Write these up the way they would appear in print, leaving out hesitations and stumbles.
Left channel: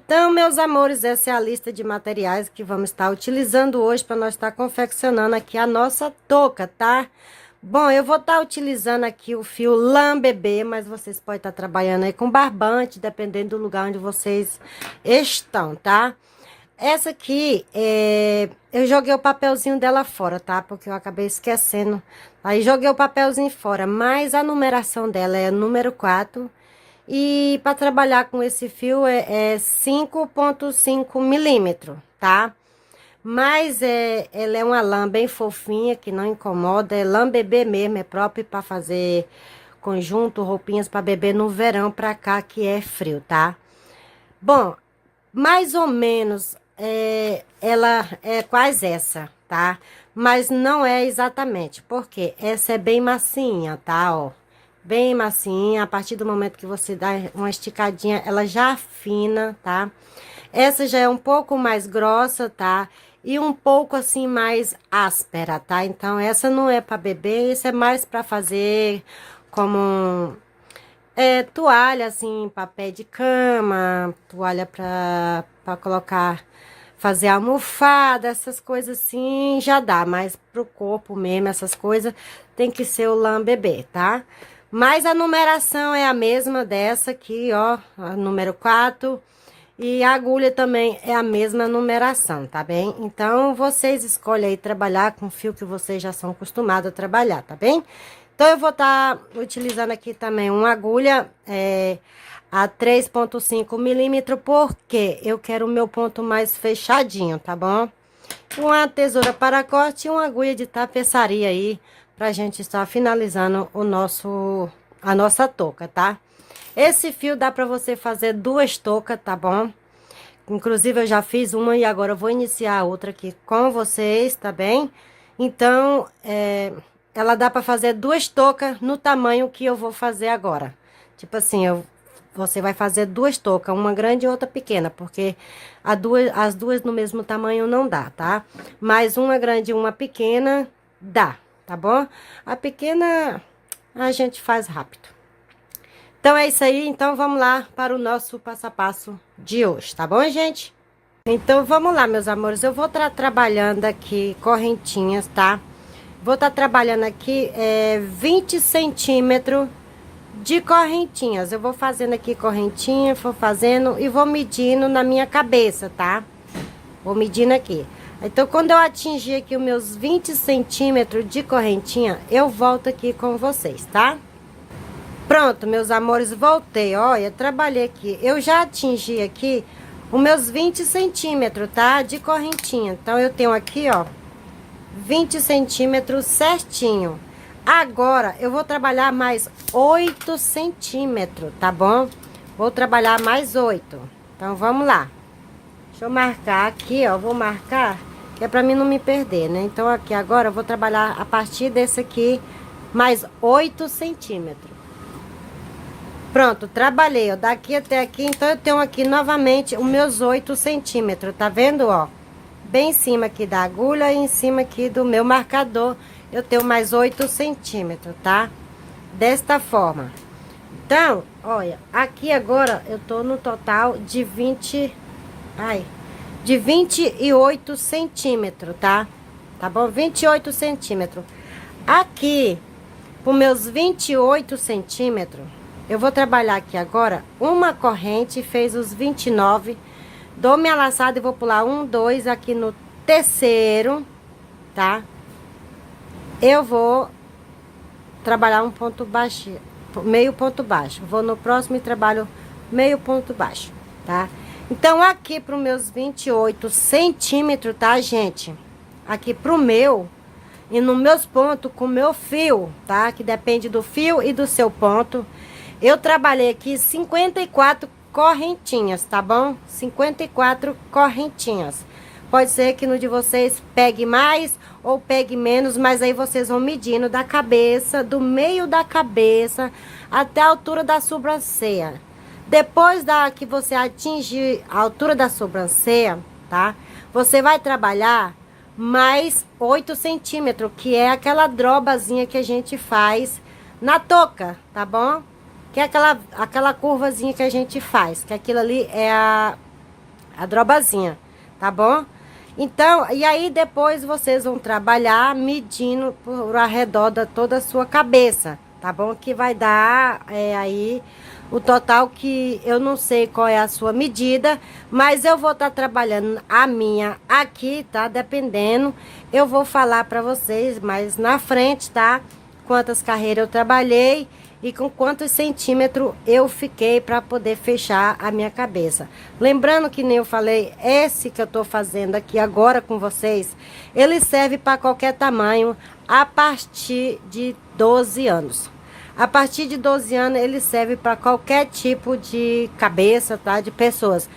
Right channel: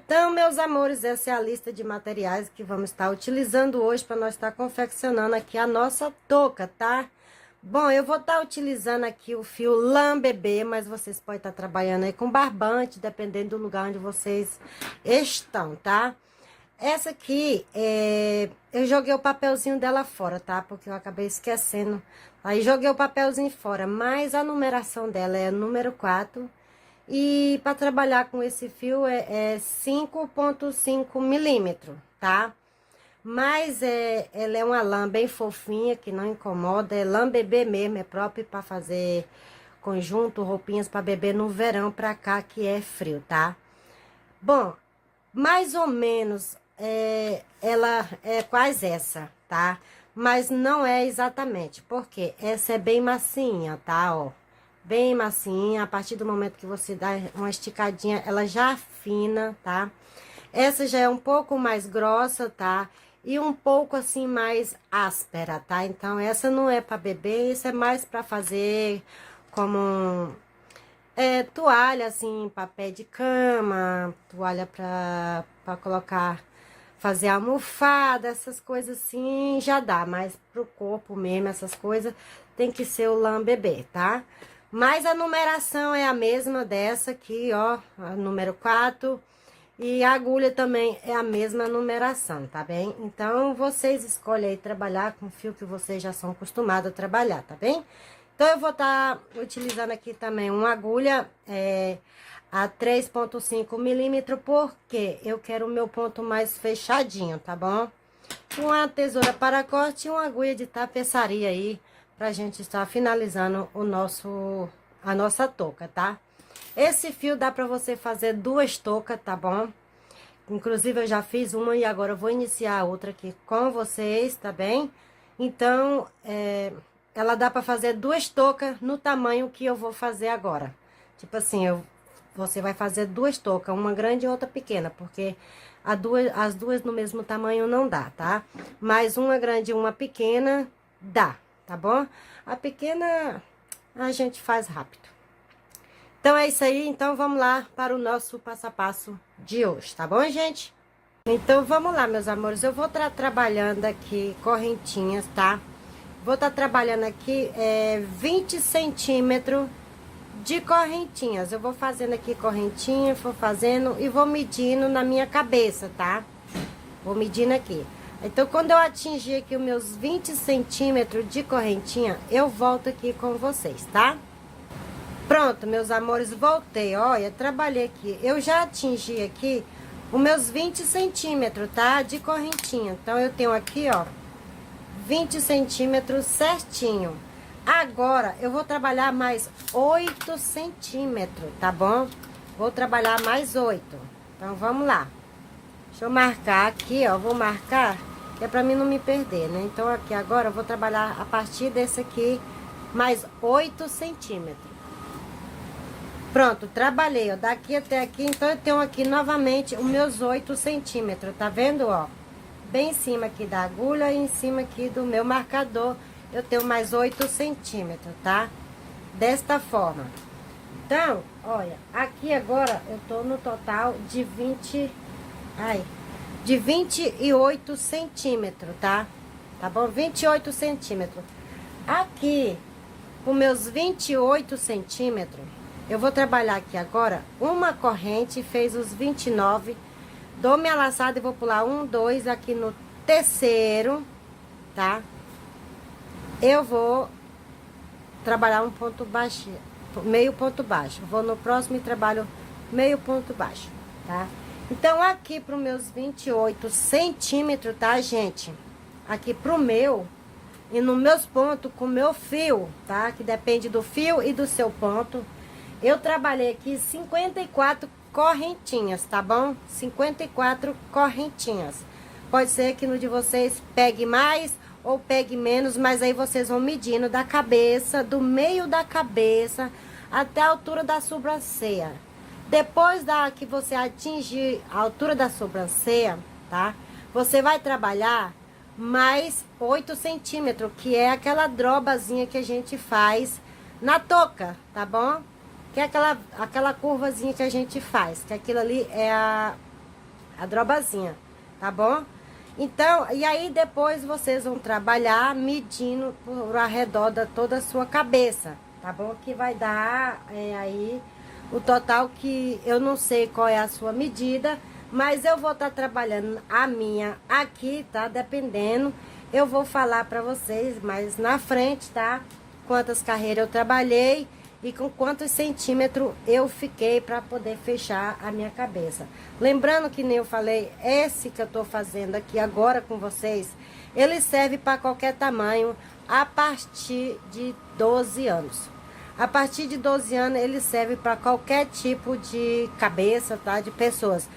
Então, meus amores, essa é a lista de materiais que vamos estar utilizando hoje para nós estar confeccionando aqui a nossa touca, tá? Bom, eu vou estar utilizando aqui o fio lã bebê, mas vocês podem estar trabalhando aí com barbante, dependendo do lugar onde vocês estão, tá? Essa aqui, eu joguei o papelzinho dela fora, tá? Porque eu acabei esquecendo. Aí joguei o papelzinho fora, mas a numeração dela é número 4. E para trabalhar com esse fio é 5,5 milímetros, tá? Mas ela é uma lã bem fofinha, que não incomoda. É lã bebê mesmo, é próprio para fazer conjunto, roupinhas para bebê no verão pra cá, que é frio, tá? Bom, mais ou menos ela é quase essa, tá? Mas não é exatamente, porque essa é bem massinha, tá? Ó, bem massinha. A partir do momento que você dá uma esticadinha, ela já afina, tá? Essa já é um pouco mais grossa, tá? E um pouco assim mais áspera, tá? Então essa não é para bebê, isso é mais para fazer como toalha, assim, papel de cama, toalha pra colocar, fazer almofada, essas coisas assim, já dá. Mas pro corpo mesmo, essas coisas, tem que ser o lã bebê, tá? Mas a numeração é a mesma dessa aqui, ó, a número 4. E a agulha também é a mesma numeração, tá bem? Então, vocês escolhem aí trabalhar com o fio que vocês já são acostumados a trabalhar, tá bem? Então, eu vou estar utilizando aqui também uma agulha a 3,5 milímetros, porque eu quero o meu ponto mais fechadinho, tá bom? Uma tesoura para corte e uma agulha de tapeçaria aí, pra gente estar finalizando a nossa touca, tá? Esse fio dá pra você fazer 2 toucas, tá bom? Inclusive, eu já fiz uma e agora eu vou iniciar a outra aqui com vocês, tá bem? Então, ela dá pra fazer 2 toucas no tamanho que eu vou fazer agora. Tipo assim, você vai fazer 2 toucas, uma grande e outra pequena, porque as duas no mesmo tamanho não dá, tá? Mas uma grande e uma pequena dá, tá bom? A pequena a gente faz rápido. Então é isso aí, então vamos lá para o nosso passo a passo de hoje, tá bom, gente? Então vamos lá, meus amores, eu vou estar trabalhando aqui correntinhas, tá? Vou estar trabalhando aqui 20 centímetros de correntinhas. Eu vou fazendo aqui correntinha, vou fazendo e vou medindo na minha cabeça, tá? Vou medindo aqui. Então, quando eu atingir aqui os meus 20 centímetros de correntinha, eu volto aqui com vocês, tá? Pronto, meus amores, voltei. Olha, trabalhei aqui. Eu já atingi aqui os meus 20 centímetros, tá? De correntinha. Então, eu tenho aqui, ó, 20 centímetros certinho. Agora, eu vou trabalhar mais 8 centímetros, tá bom? Vou trabalhar mais 8. Então, vamos lá. Deixa eu marcar aqui, ó. Vou marcar, que é pra mim não me perder, né? Então, aqui agora, eu vou trabalhar a partir desse aqui, mais 8 centímetros. Pronto, trabalhei, ó, daqui até aqui, então eu tenho aqui novamente os meus 8 centímetros, tá vendo, ó? Bem em cima aqui da agulha e em cima aqui do meu marcador, eu tenho mais 8 centímetros, tá? Desta forma. Então, olha, aqui agora eu tô no total de 28 centímetros, tá? Tá bom? 28 centímetros. Aqui, com meus 28 centímetros, eu vou trabalhar aqui agora uma corrente, fez os 29, dou minha laçada e vou pular 1, 2, aqui no terceiro, tá? Eu vou trabalhar um ponto baixo, meio ponto baixo. Vou no próximo e trabalho meio ponto baixo, tá? Então, aqui pro meus 28 centímetros, tá, gente? Aqui pro meu, e nos meus pontos com o meu fio, tá? Que depende do fio e do seu ponto. Eu trabalhei aqui 54 correntinhas, tá bom? 54 correntinhas. Pode ser que no de vocês pegue mais ou pegue menos, mas aí vocês vão medindo da cabeça, do meio da cabeça até a altura da sobrancelha. Depois que você atingir a altura da sobrancelha, tá? Você vai trabalhar mais 8 centímetros, que é aquela drobazinha que a gente faz na touca, tá bom? Que é aquela curvazinha que a gente faz, que aquilo ali é a drobazinha, tá bom? Então, e aí depois vocês vão trabalhar medindo por arredor de toda a sua cabeça, tá bom? Que vai dar aí o total, que eu não sei qual é a sua medida, mas eu vou estar trabalhando a minha aqui, tá? Dependendo, eu vou falar para vocês mais na frente, tá? Quantas carreiras eu trabalhei e com quantos centímetros eu fiquei para poder fechar a minha cabeça. Lembrando que nem eu falei, esse que eu tô fazendo aqui agora com vocês, ele serve para qualquer tamanho a partir de 12 anos. A partir de 12 anos ele serve para qualquer tipo de cabeça, tá? De pessoas.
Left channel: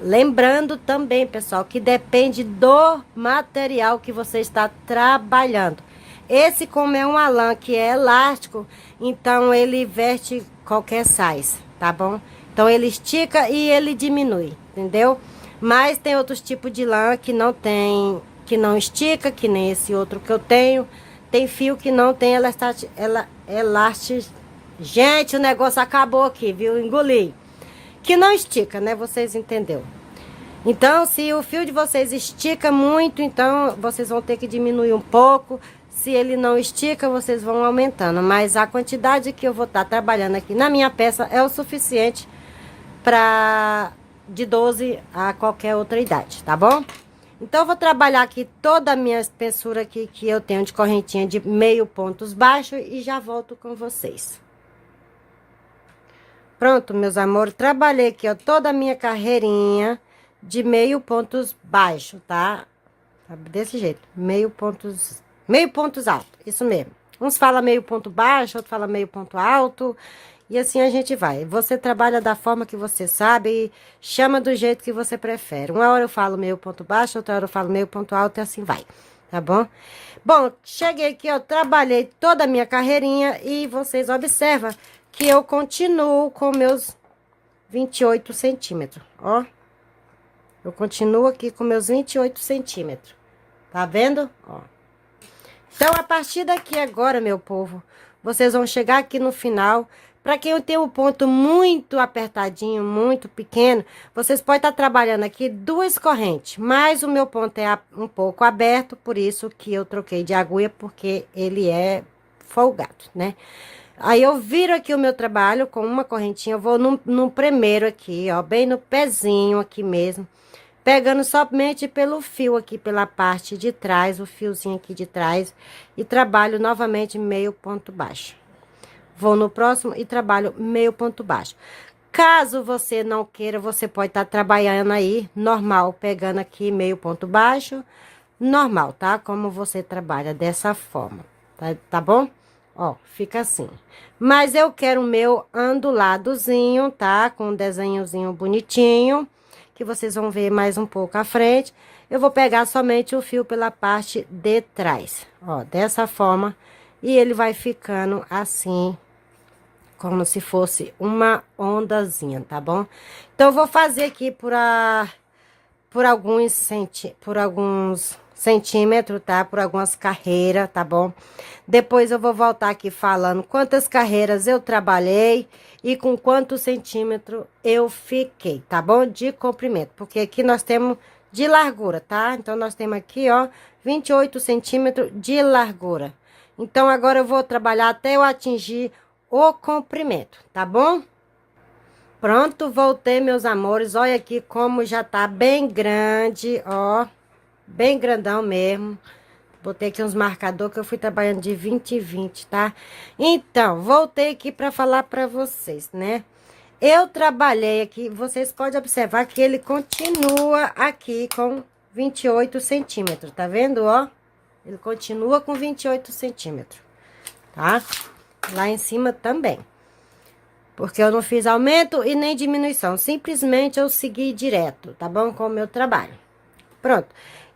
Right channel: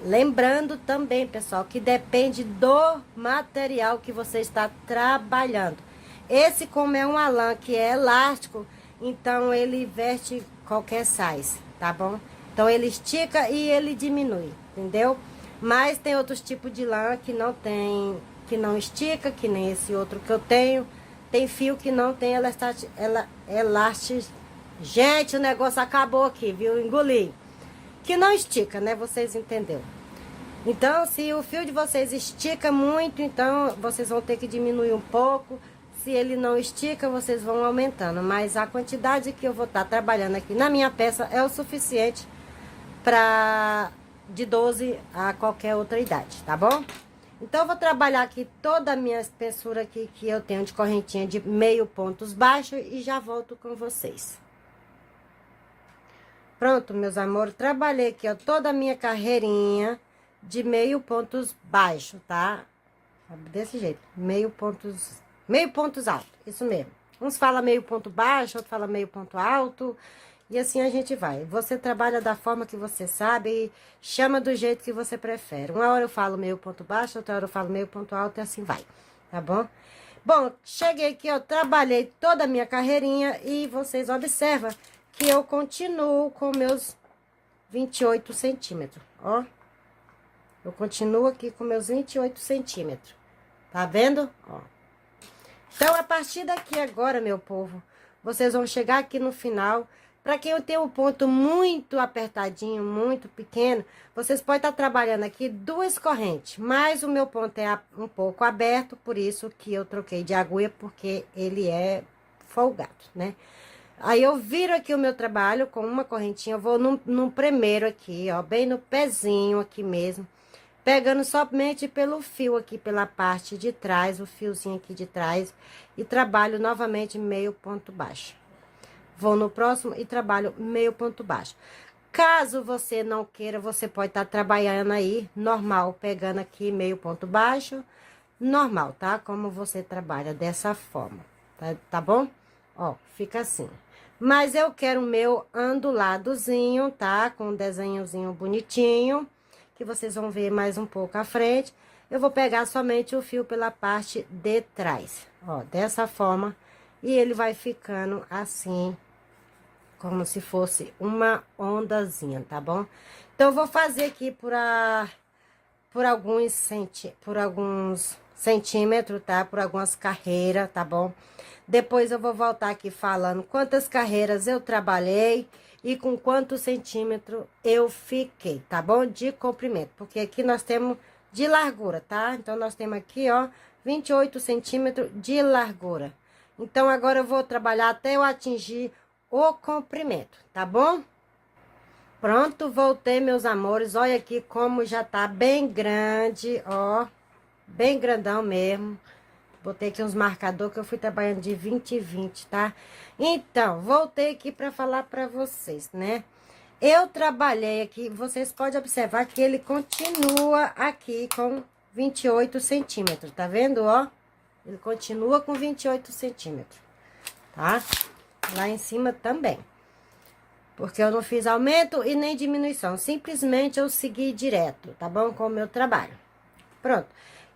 Lembrando também, pessoal, que depende do material que você está trabalhando. Esse, como é um alã que é elástico, então ele veste qualquer size, tá bom? Então ele estica e ele diminui, entendeu? Mas tem outros tipos de lã que não tem, que não estica, que nem esse outro que eu tenho. Tem fio que não tem elástico. Gente, o negócio acabou aqui, viu? Engoli. Que não estica, né? Vocês entenderam? Então, se o fio de vocês estica muito, então vocês vão ter que diminuir um pouco. Se ele não estica, vocês vão aumentando. Mas a quantidade que eu vou estar trabalhando aqui na minha peça é o suficiente para de 12 a qualquer outra idade, tá bom? Então, eu vou trabalhar aqui toda a minha espessura aqui que eu tenho de correntinha de meio pontos baixos e já volto com vocês. Pronto, meus amores, trabalhei aqui, ó, toda a minha carreirinha de meio pontos baixos, tá? Desse jeito, meio pontos altos, isso mesmo. Uns falam meio ponto baixo, outros falam meio ponto alto, e assim a gente vai. Você trabalha da forma que você sabe e chama do jeito que você prefere. Uma hora eu falo meio ponto baixo, outra hora eu falo meio ponto alto, e assim vai, tá bom? Bom, cheguei aqui, eu trabalhei toda a minha carreirinha e vocês observam que eu continuo com meus 28 centímetros, ó. Eu continuo aqui com meus 28 centímetros, tá vendo? Ó. Então, a partir daqui agora, meu povo, vocês vão chegar aqui no final. Para quem tem um ponto muito apertadinho, muito pequeno, vocês podem estar trabalhando aqui 2 correntes. Mas o meu ponto é um pouco aberto, por isso que eu troquei de agulha, porque ele é folgado, né? Aí eu viro aqui o meu trabalho com uma correntinha, eu vou no primeiro aqui, ó, bem no pezinho aqui mesmo. Pegando somente pelo fio aqui, pela parte de trás, o fiozinho aqui de trás. E trabalho novamente meio ponto baixo. Vou no próximo e trabalho meio ponto baixo. Caso você não queira, você pode estar trabalhando aí, normal, pegando aqui meio ponto baixo. Normal, tá? Como você trabalha dessa forma, tá bom? Ó, fica assim. Mas eu quero o meu onduladozinho, tá? Com um desenhozinho bonitinho, que vocês vão ver mais um pouco à frente. Eu vou pegar somente o fio pela parte de trás, ó, dessa forma. E ele vai ficando assim, como se fosse uma ondazinha, tá bom? Então, eu vou fazer aqui por alguns centímetros, tá? Por algumas carreiras, tá bom? Depois eu vou voltar aqui falando quantas carreiras eu trabalhei e com quantos centímetros eu fiquei, tá bom? De comprimento, porque aqui nós temos de largura, tá? Então, nós temos aqui, ó, 28 centímetros de largura. Então, agora eu vou trabalhar até eu atingir o comprimento, tá bom? Pronto, voltei, meus amores. Olha aqui como já tá bem grande, ó. Bem grandão mesmo. Botei aqui uns marcadores que eu fui trabalhando de 20 em 20, tá? Então, voltei aqui pra falar pra vocês, né? Eu trabalhei aqui, vocês podem observar que ele continua aqui com 28 centímetros, tá vendo, ó? Ele continua com 28 centímetros, tá? Lá em cima também. Porque eu não fiz aumento e nem diminuição. Simplesmente eu segui direto, tá bom? Com o meu trabalho. Pronto.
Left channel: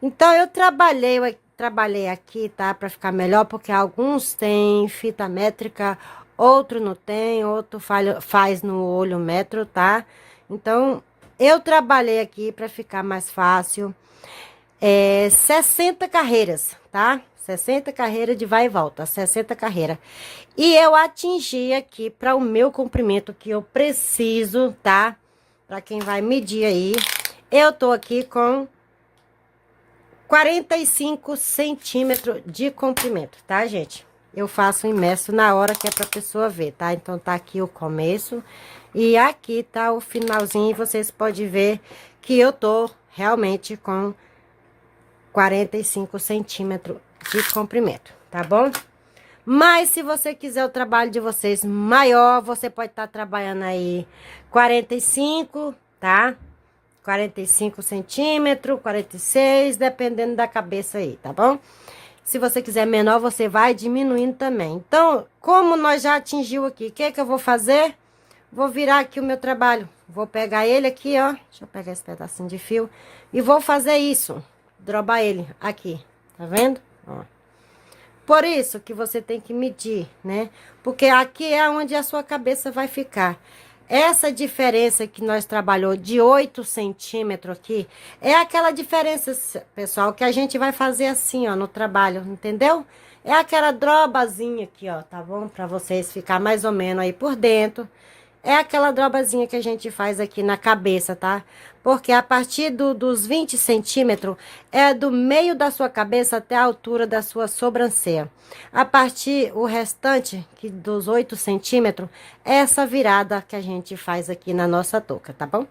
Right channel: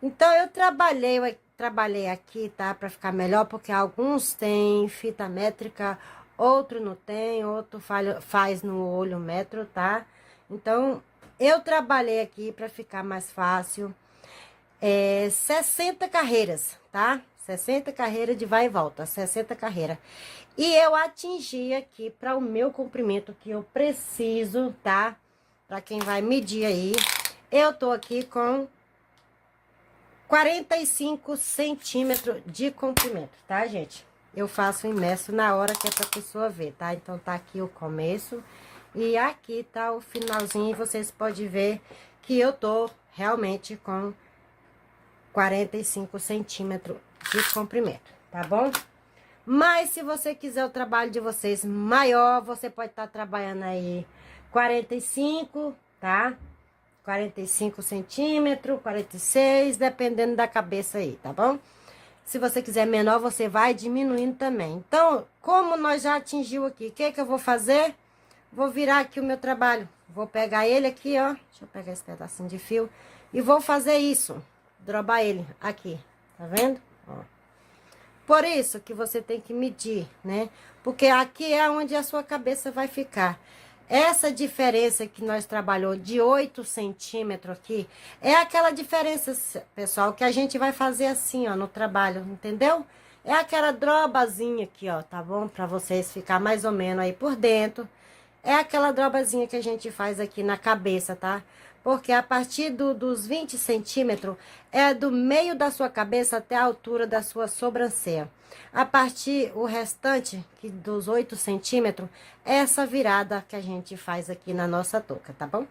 Então, eu trabalhei aqui, tá? Pra ficar melhor, porque alguns têm fita métrica, outro não tem, outro faz no olho metro, tá? Então, eu trabalhei aqui pra ficar mais fácil. 60 carreiras, tá? 60 carreiras de vai e volta, 60 carreiras. E eu atingi aqui para o meu comprimento que eu preciso, tá? Para quem vai medir aí, Eu tô aqui com 45 centímetros de comprimento, tá, gente? Eu faço imerso na hora que é pra pessoa ver, tá? Então, tá aqui o começo e aqui tá o finalzinho. E vocês podem ver que eu tô realmente com 45 centímetros de comprimento, tá bom? Mas se você quiser o trabalho de vocês maior, você pode estar trabalhando aí 45, tá? 45 centímetros, 46, dependendo da cabeça aí, tá bom? Se você quiser menor, você vai diminuindo também. Então, como nós já atingiu aqui, o que que eu vou fazer? Vou virar aqui o meu trabalho. Vou pegar ele aqui, ó. Deixa eu pegar esse pedacinho de fio. E vou fazer isso. Drobar ele aqui. Tá vendo? Ó. Por isso que você tem que medir, né? Porque aqui é onde a sua cabeça vai ficar. Essa diferença que nós trabalhou de 8 centímetros aqui, é aquela diferença, pessoal, que a gente vai fazer assim, ó, no trabalho, entendeu? É aquela drobazinha aqui, ó, tá bom? Pra vocês ficar mais ou menos aí por dentro. É aquela drobazinha que a gente faz aqui na cabeça, tá? Porque a partir dos 20 centímetros, é do meio da sua cabeça até a altura da sua sobrancelha. A partir, o restante, que dos 8 centímetros, é essa virada que a gente faz aqui na nossa touca, tá bom?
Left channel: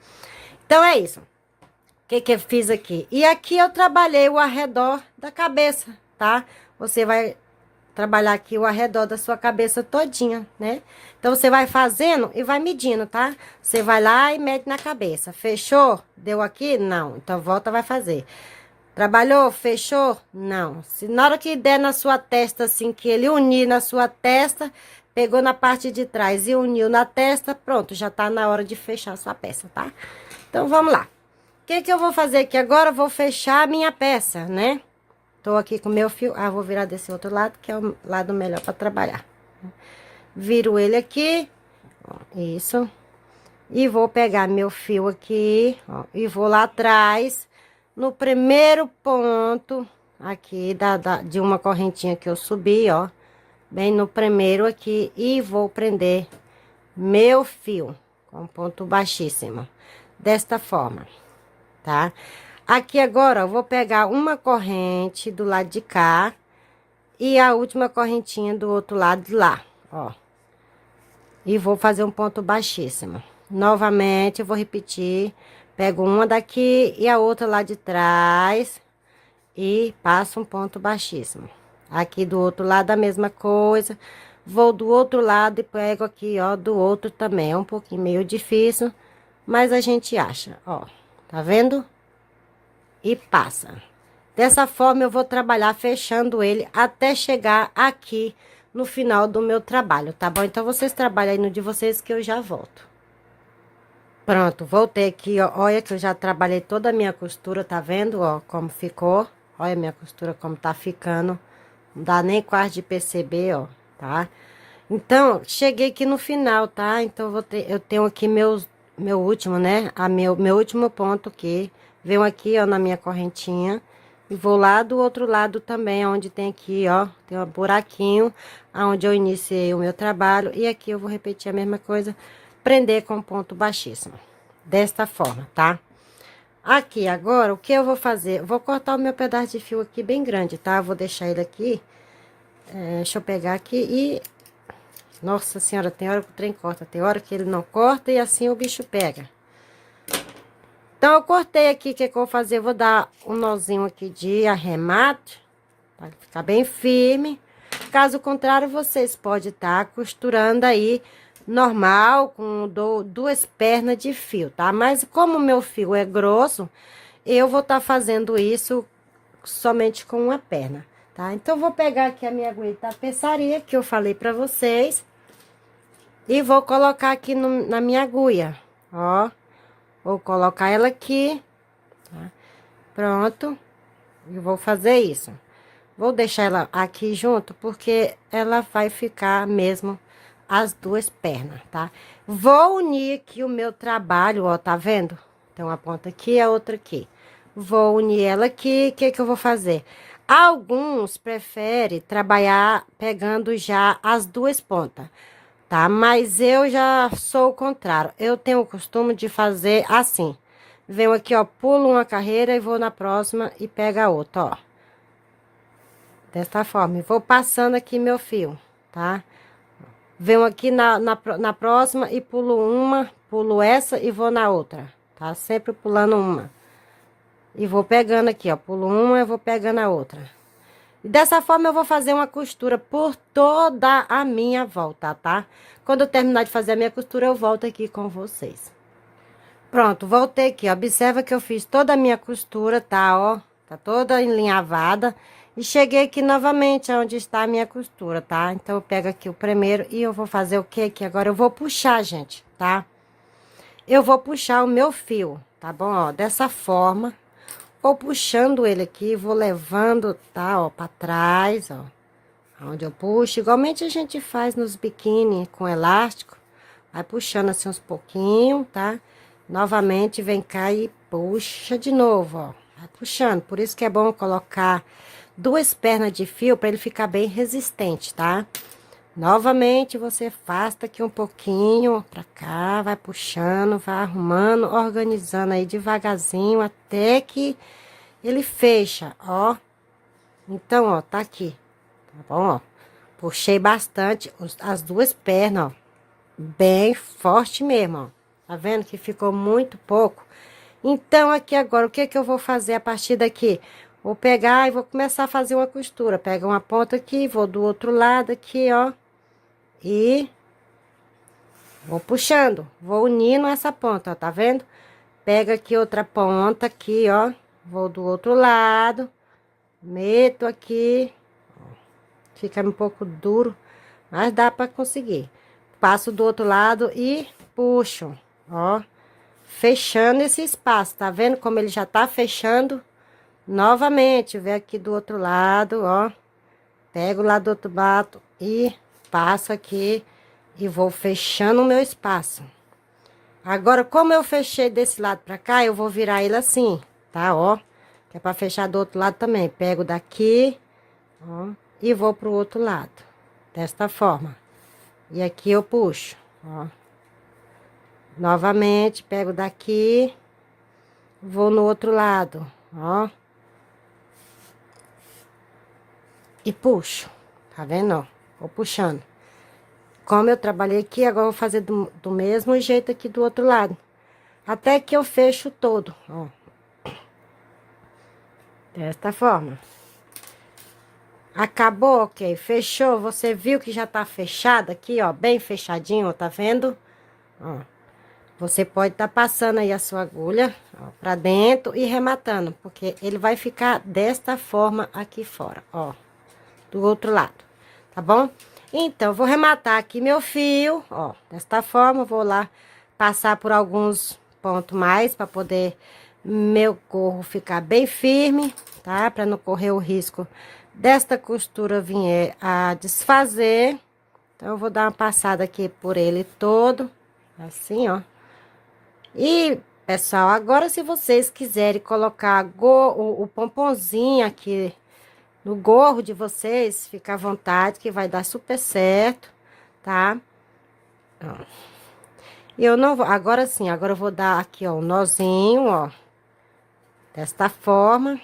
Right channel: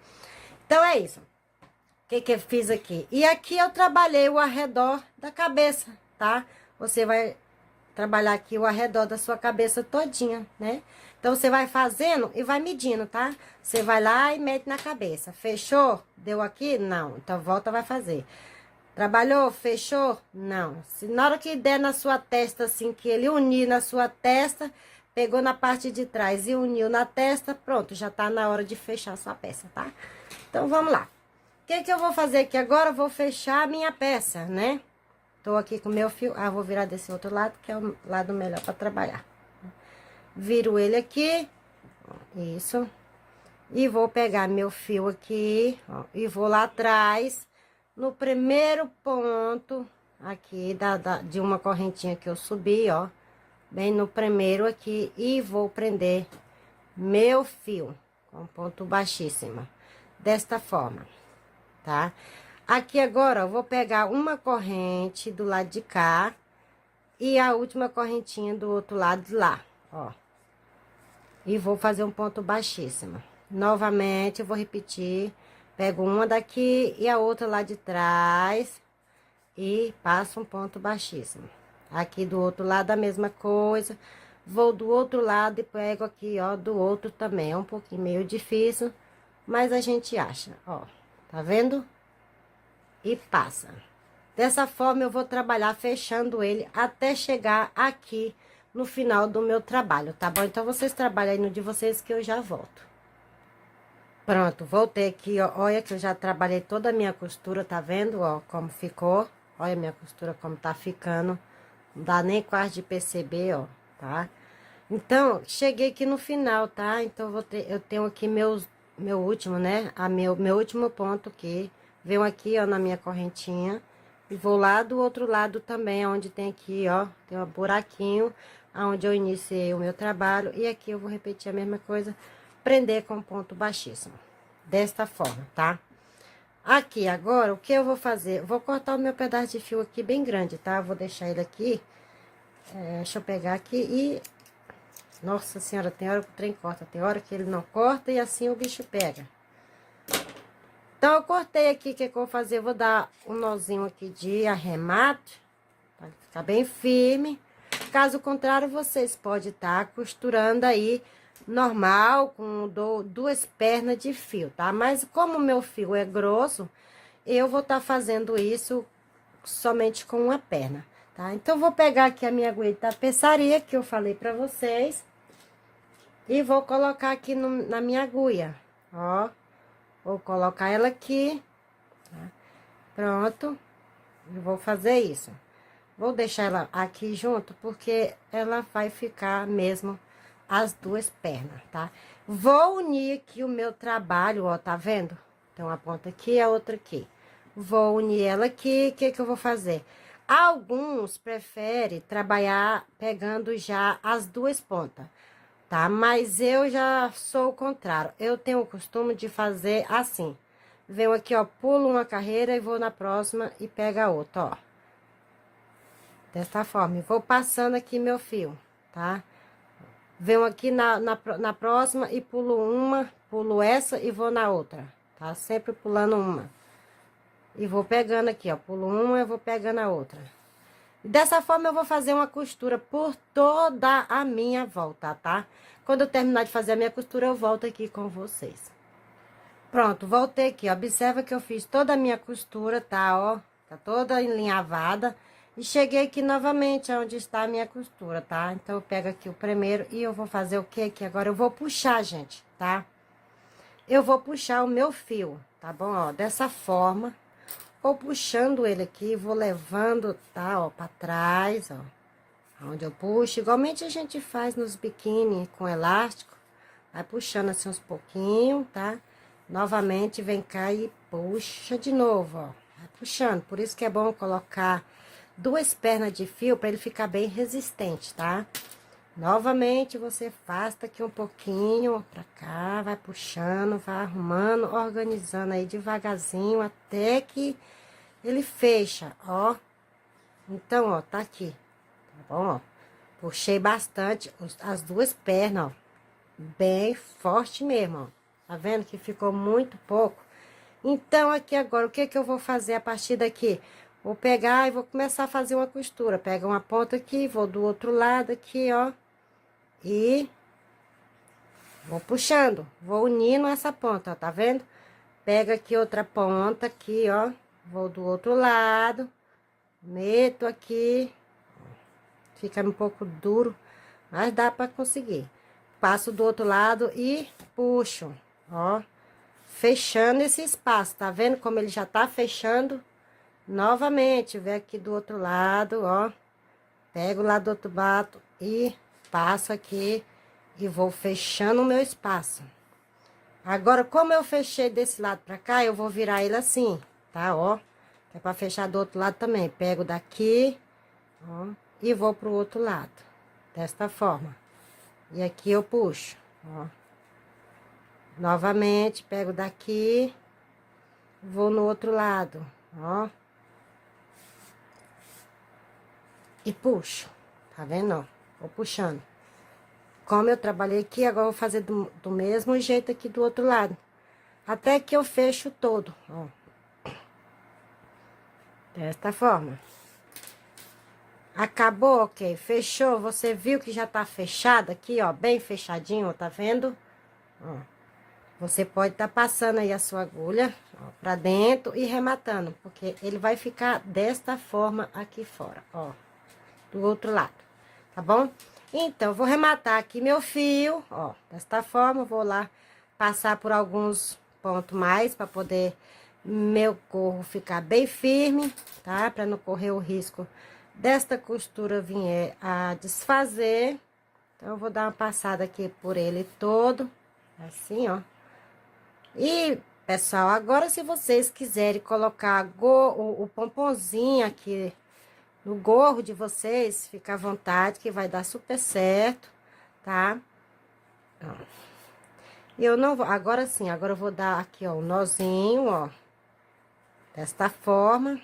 Então, é isso. O que eu fiz aqui? E aqui eu trabalhei o arredor da cabeça, tá? Você vai trabalhar aqui o arredor da sua cabeça todinha, né? Então, você vai fazendo e vai medindo, tá? Você vai lá e mede na cabeça. Fechou? Deu aqui? Não. Então, volta, vai fazer. Trabalhou? Fechou? Não. Se na hora que der na sua testa, assim, que ele unir na sua testa, pegou na parte de trás e uniu na testa, pronto, já tá na hora de fechar a sua peça, tá? Então, vamos lá. O que que eu vou fazer aqui agora? Eu vou fechar a minha peça, né? Tô aqui com o meu fio. Ah, vou virar desse outro lado, que é o lado melhor para trabalhar. Viro ele aqui. Ó, isso. E vou pegar meu fio aqui, ó. E vou lá atrás, no primeiro ponto aqui de uma correntinha que eu subi, ó. Bem no primeiro aqui. E vou prender meu fio com ponto baixíssimo. Desta forma, tá? Aqui agora, eu vou pegar uma corrente do lado de cá e a última correntinha do outro lado de lá, ó. E vou fazer um ponto baixíssimo. Novamente, eu vou repetir. Pego uma daqui e a outra lá de trás e passo um ponto baixíssimo. Aqui do outro lado a mesma coisa. Vou do outro lado e pego aqui, ó, do outro também. É um pouquinho meio difícil, mas a gente acha, ó. Tá vendo? E passa. Dessa forma, eu vou trabalhar fechando ele até chegar aqui no final do meu trabalho, tá bom? Então, vocês trabalham aí no de vocês que eu já volto. Pronto, voltei aqui, ó. Olha que eu já trabalhei toda a minha costura, tá vendo, ó, como ficou? Olha a minha costura como tá ficando. Não dá nem quase de perceber, ó, tá? Então, cheguei aqui no final, tá? Então, eu tenho aqui meu último, né? Meu último ponto aqui. Venho aqui, ó, na minha correntinha. E vou lá do outro lado também, onde tem aqui, ó. Tem um buraquinho, onde eu iniciei o meu trabalho. E aqui eu vou repetir a mesma coisa. Prender com ponto baixíssimo. Desta forma, tá? Aqui, agora, o que eu vou fazer? Vou cortar o meu pedaço de fio aqui bem grande, tá? Vou deixar ele aqui. Deixa eu pegar aqui e... Nossa senhora, tem hora que o trem corta, tem hora que ele não corta e assim o bicho pega. Então, eu cortei aqui, o que eu vou fazer? Eu vou dar um nozinho aqui de arremate, para ficar bem firme. Caso contrário, vocês podem estar costurando aí normal, com duas pernas de fio, tá? Mas como o meu fio é grosso, eu vou estar fazendo isso somente com uma perna, tá? Então, eu vou pegar aqui a minha agulha de tapeçaria, que eu falei pra vocês, e vou colocar aqui na minha agulha, ó. Vou colocar ela aqui, tá? Pronto. E vou fazer isso. Vou deixar ela aqui junto, porque ela vai ficar mesmo as duas pernas, tá? Vou unir aqui o meu trabalho, ó, tá vendo? Então, a ponta aqui e a outra aqui. Vou unir ela aqui, o que que eu vou fazer? Alguns preferem trabalhar pegando já as duas pontas, tá? Mas eu já sou o contrário. Eu tenho o costume de fazer assim. Venho aqui, ó, pulo uma carreira e vou na próxima e pega a outra, ó. Desta forma, e vou passando aqui meu fio, tá? Venho aqui na próxima e pulo uma, pulo essa e vou na outra, tá? Sempre pulando uma. E vou pegando aqui, ó, pulo uma e vou pegando a outra. E dessa forma eu vou fazer uma costura por toda a minha volta, tá? Quando eu terminar de fazer a minha costura, eu volto aqui com vocês. Pronto, voltei aqui, ó. Observa que eu fiz toda a minha costura, tá, ó? Tá toda enlinhavada. E cheguei aqui novamente, onde está a minha costura, tá? Então, eu pego aqui o primeiro e eu vou fazer o que aqui? Agora, eu vou puxar, gente, tá? Eu vou puxar o meu fio, tá bom? Ó, dessa forma. Vou puxando ele aqui, vou levando, tá, ó, pra trás, ó. Onde eu puxo, igualmente a gente faz nos biquíni com elástico. Vai puxando assim uns pouquinhos, tá? Novamente, vem cá e puxa de novo, ó. Vai puxando. Por isso que é bom colocar 2 pernas de fio para ele ficar bem resistente, tá? Novamente, você afasta aqui um pouquinho pra cá, vai puxando, vai arrumando, organizando aí devagarzinho até que ele fecha, ó. Então, ó, tá aqui, tá bom, ó. Puxei bastante as 2 pernas, ó. Bem forte mesmo, ó. Tá vendo que ficou muito pouco? Então, aqui agora, o que que eu vou fazer a partir daqui? Vou pegar e vou começar a fazer uma costura. Pega uma ponta aqui, vou do outro lado aqui, ó. E vou puxando, vou unindo essa ponta, ó, tá vendo? Pega aqui outra ponta aqui, ó. Vou do outro lado. Meto aqui. Fica um pouco duro, mas dá pra conseguir. Passo do outro lado e puxo, ó. Fechando esse espaço, tá vendo como ele já tá fechando? Novamente, vem aqui do outro lado, ó. Pego lá do outro lado e passo aqui e vou fechando o meu espaço. Agora, como eu fechei desse lado pra cá, eu vou virar ele assim, tá, ó. Que é pra fechar do outro lado também. Pego daqui, ó, e vou pro outro lado. Desta forma. E aqui eu puxo, ó. Novamente, pego daqui, vou no outro lado, ó. E puxo, tá vendo, ó? Vou puxando. Como eu trabalhei aqui, agora eu vou fazer do mesmo jeito aqui do outro lado. Até que eu fecho todo, ó. Desta forma. Acabou, ok? Fechou, você viu que já tá fechado aqui, ó, bem fechadinho, tá vendo? Ó. Você pode tá passando aí a sua agulha, ó, pra dentro e rematando, porque ele vai ficar desta forma aqui fora, ó, do outro lado, tá bom? Então, vou rematar aqui meu fio, ó, desta forma, vou lá passar por alguns pontos mais pra poder meu gorro ficar bem firme, tá? Pra não correr o risco desta costura vir a desfazer. Então, eu vou dar uma passada aqui por ele todo, assim, ó. E, pessoal, agora se vocês quiserem colocar o pomponzinho aqui no gorro de vocês, fica à vontade que vai dar super certo, tá? Ó. E eu não vou, agora sim, agora eu vou dar aqui, ó, um nozinho, ó, desta forma.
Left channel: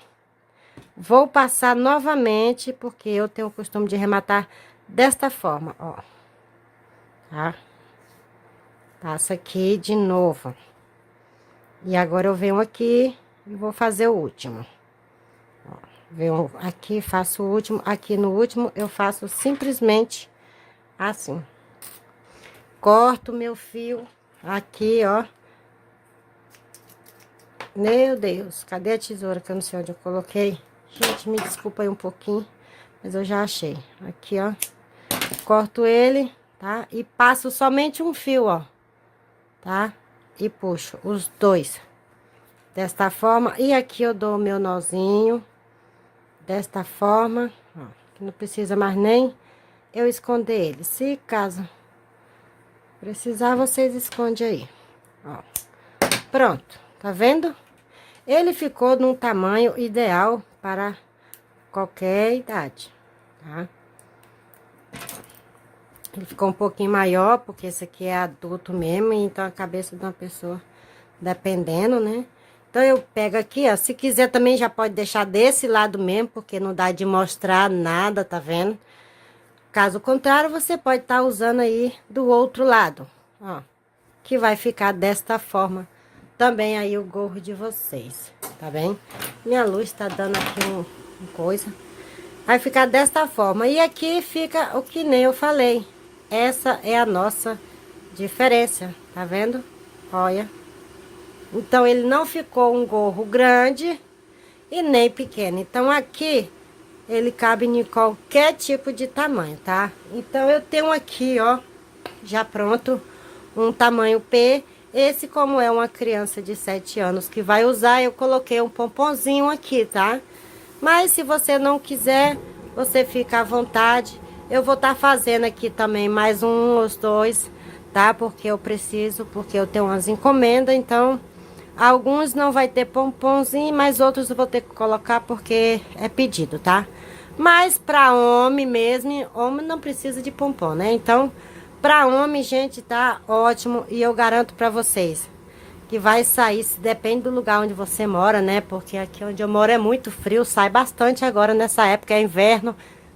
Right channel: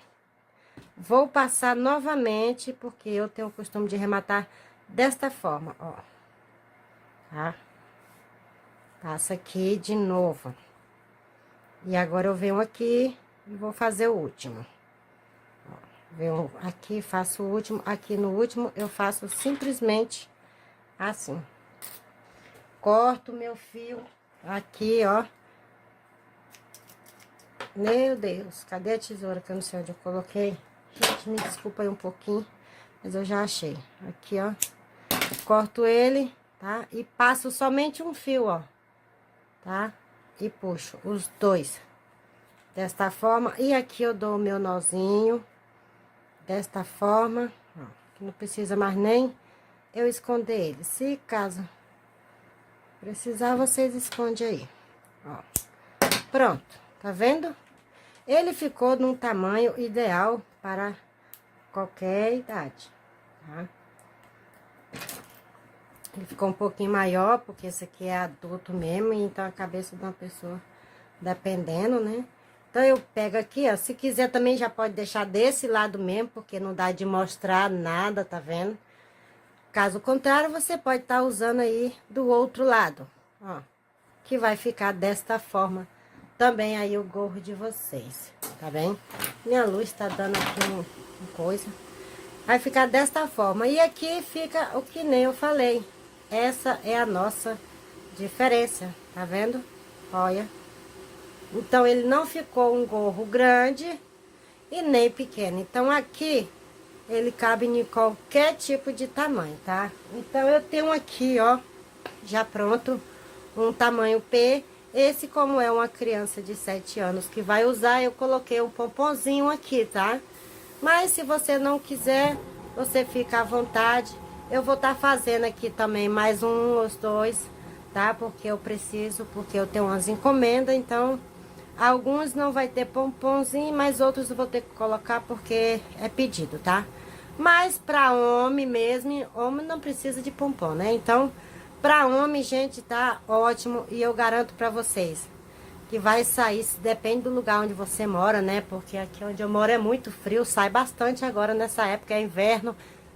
Vou passar novamente, porque eu tenho o costume de rematar desta forma, ó. Tá? Passa aqui de novo. E agora eu venho aqui e vou fazer o último. Ó, venho aqui, faço o último. Aqui no último eu faço simplesmente assim. Corto meu fio aqui, ó. Meu Deus, cadê a tesoura que eu não sei onde eu coloquei? Gente, me desculpa aí um pouquinho, mas eu já achei. Aqui, ó. Corto ele, tá? E passo somente um fio, ó. Tá? E puxo os dois. Desta forma. E aqui eu dou o meu nozinho. Desta forma. Ó. Que não precisa mais nem eu esconder ele. Se caso precisar, vocês escondem aí. Ó. Pronto. Tá vendo? Ele ficou num tamanho ideal para qualquer idade, tá? Ele ficou um pouquinho maior, porque esse aqui é adulto mesmo, então a cabeça de uma pessoa, dependendo, né? Então, eu pego aqui, ó. Se quiser também já pode deixar desse lado mesmo, porque não dá de mostrar nada, tá vendo? Caso contrário, você pode estar usando aí do outro lado, ó. Que vai ficar desta forma também aí o gorro de vocês, tá bem? Minha luz tá dando aqui um coisa. Vai ficar desta forma. E aqui fica o que nem eu falei. Essa é a nossa diferença, tá vendo? Olha. Então, ele não ficou um gorro grande e nem pequeno. Então, aqui, ele cabe em qualquer tipo de tamanho, tá? Então, eu tenho aqui, ó, já pronto, um tamanho P. Esse, como é uma criança de 7 anos que vai usar, eu coloquei um pomponzinho aqui, tá? Mas, se você não quiser, você fica à vontade. Eu vou estar fazendo aqui também mais uns dois, tá? Porque eu preciso, porque eu tenho umas encomendas, então... Alguns não vai ter pomponzinho, mas outros eu vou ter que colocar porque é pedido, tá? Mas pra homem mesmo, homem não precisa de pompom, né? Então, pra homem, gente, tá ótimo. E eu garanto pra vocês que vai sair, depende do lugar onde você mora, né? Porque aqui onde eu moro é muito frio, sai bastante agora nessa época, é inverno,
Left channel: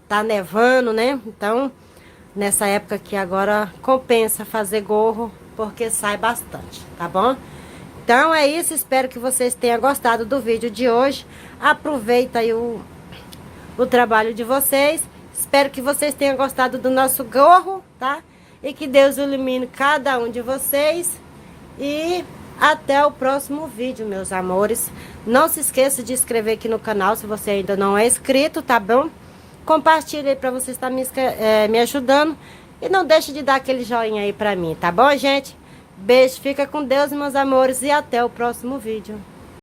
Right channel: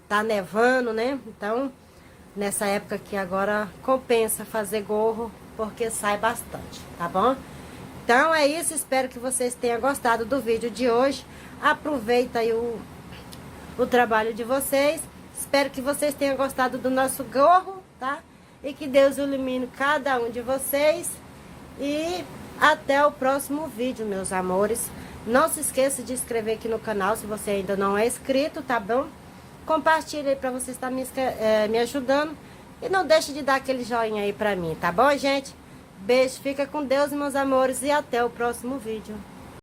tá nevando, né? Então, nessa época aqui agora compensa fazer gorro, porque sai bastante, tá bom? Então é isso, espero que vocês tenham gostado do vídeo de hoje. Aproveita aí o trabalho de vocês. Espero que vocês tenham gostado do nosso gorro, tá? E que Deus ilumine cada um de vocês. E até o próximo vídeo, meus amores. Não se esqueça de inscrever aqui no canal se você ainda não é inscrito, tá bom? Compartilhe aí pra você estar me ajudando. E não deixe de dar aquele joinha aí pra mim, tá bom, gente? Beijo, fica com Deus, meus amores, e até o próximo vídeo.